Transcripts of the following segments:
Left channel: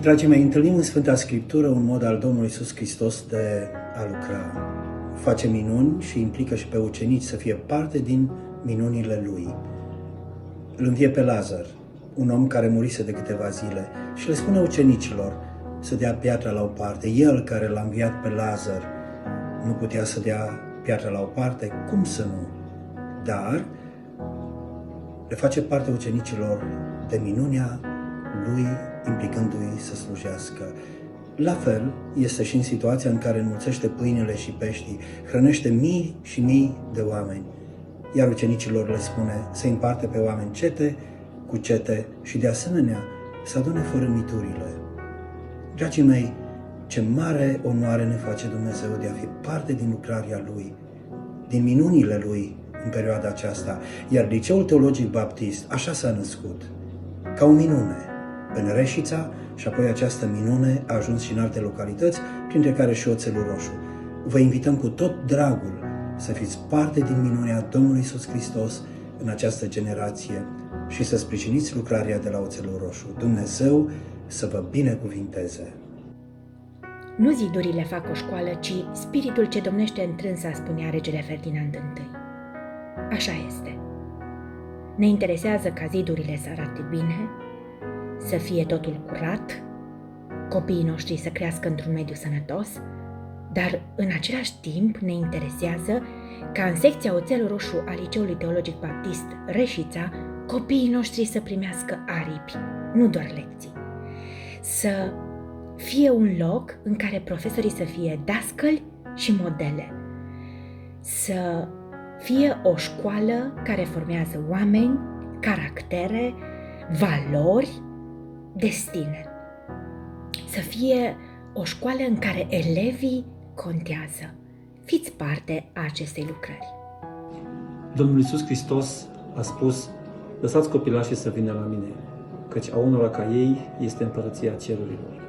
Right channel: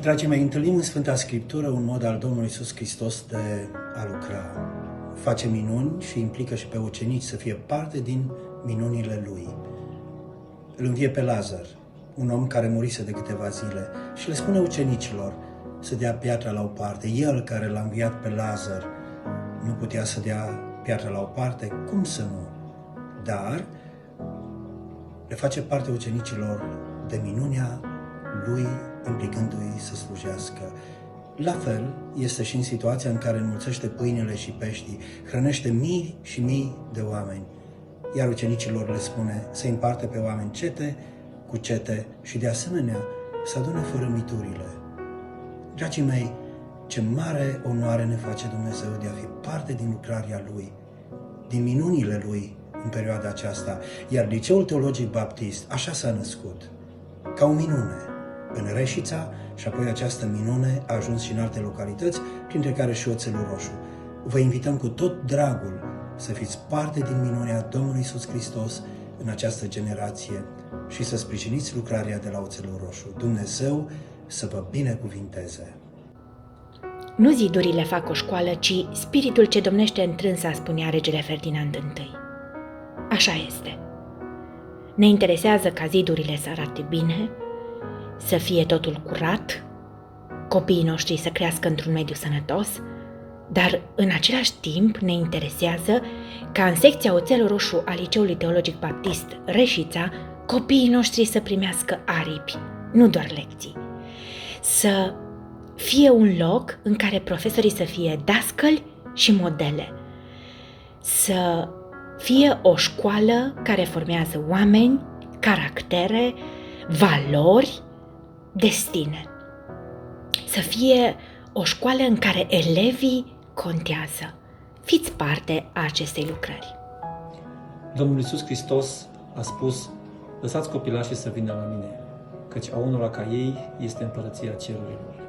Dragii mei, întâlnim în Sfânta Scriptură un mod al Domnului Iisus Hristos de a lucra. Face minuni și implică și pe ucenici să fie parte din minunile Lui. Îl învie pe Lazar, un om care murise de câteva zile, și le spune ucenicilor să dea piatra la o parte. El care l-a înviat pe Lazar nu putea să dea piatra la o parte? Cum să nu? Dar le face parte ucenicilor de minunea Lui, implicându-i să slujească. La fel este și în situația în care înmulțește pâinile și peștii, hrănește mii și mii de oameni, iar ucenicilor le spune să împarte pe oameni cete cu cete și de asemenea să adune fărâmiturile. Dragii mei, ce mare onoare ne face Dumnezeu de a fi parte din lucrarea Lui, din minunile Lui în perioada aceasta, iar Liceul Teologic Baptist așa s-a născut, ca o minune, în Reșița, și apoi această minune a ajuns și în alte localități, printre care și Oțelul Roșu. Vă invităm cu tot dragul să fiți parte din minunea Domnului Iisus Hristos în această generație și să sprijiniți lucrarea de la Oțelul Roșu. Dumnezeu să vă binecuvinteze! Nu zidurile fac o școală, ci spiritul ce domnește întrânsa, spunea regele Ferdinand I. Așa este. Ne interesează ca zidurile să arate bine, să fie totul curat, copiii noștri să crească într-un mediu sănătos, dar în același timp ne interesează ca în secția Oțelul Roșu a Liceului Teologic Baptist Reșița copiii noștri să primească aripi, nu doar lecții. Să fie un loc în care profesorii să fie dascăli și modele. Să fie o școală care formează oameni, caractere, valori, destine. Să fie o școală în care elevii contează. Fiți parte a acestei lucrări. Domnul Iisus Hristos a spus: lăsați copilașii să vină la mine, căci a unora ca ei este împărăția cerurilor.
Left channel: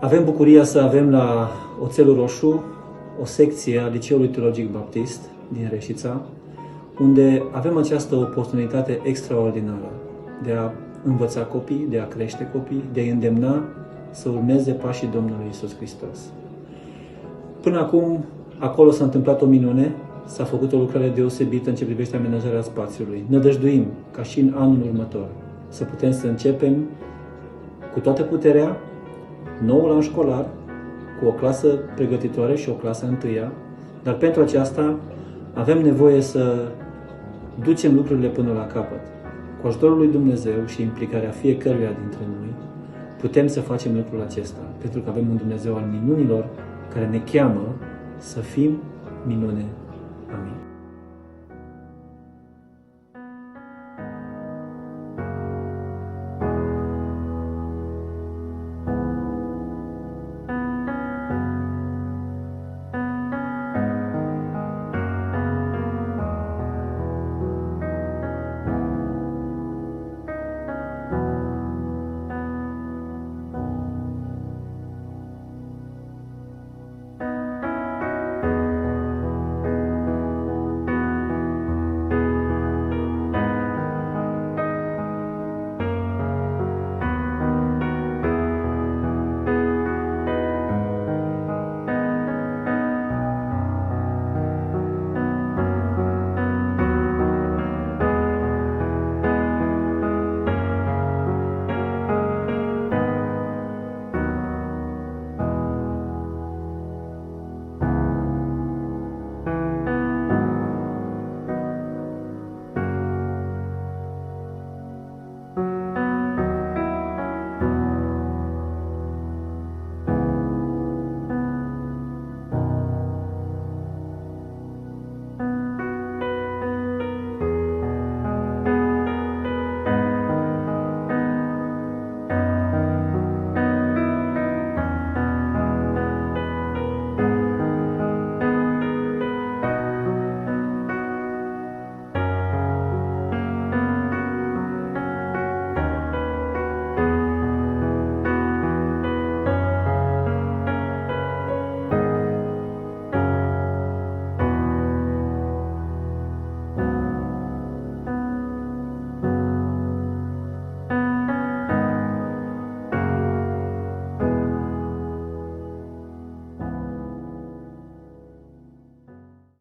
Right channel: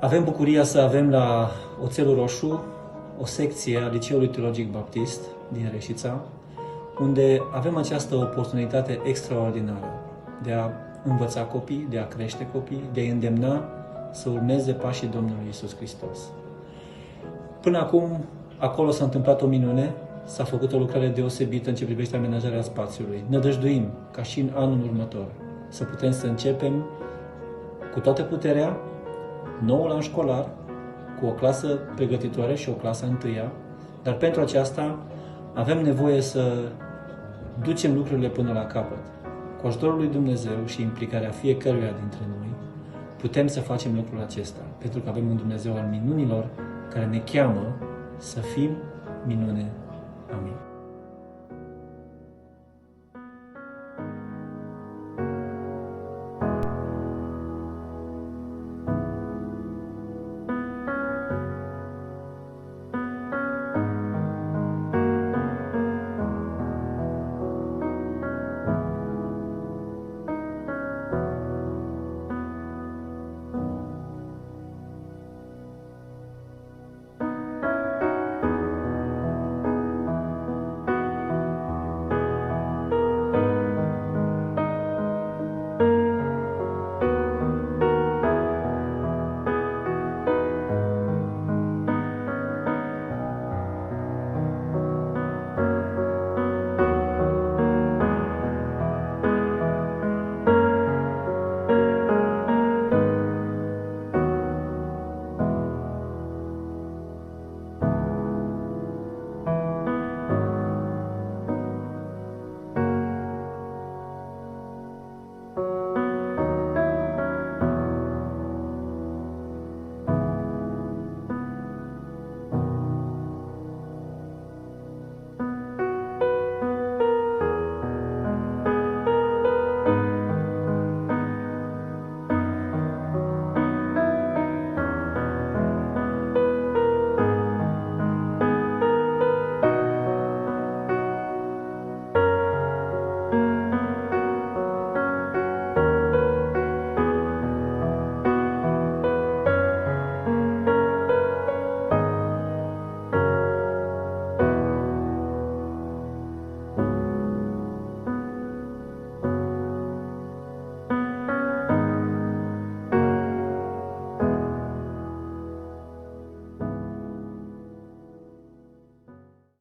Avem bucuria să avem la Oțelul Roșu o secție a Liceului Teologic Baptist din Reșița, unde avem această oportunitate extraordinară de a învăța copii, de a crește copii, de a îndemna să urmeze pașii Domnului Iisus Hristos. Până acum, acolo s-a întâmplat o minune, s-a făcut o lucrare deosebită în ce privește amenajarea spațiului. Nădăjduim, ca și în anul următor, să putem să începem cu toată puterea noul an școlar, cu o clasă pregătitoare și o clasă întâia, dar pentru aceasta avem nevoie să ducem lucrurile până la capăt. Cu ajutorul lui Dumnezeu și implicarea fiecăruia dintre noi, putem să facem lucrul acesta, pentru că avem un Dumnezeu al minunilor care ne cheamă să fim minune. Amin.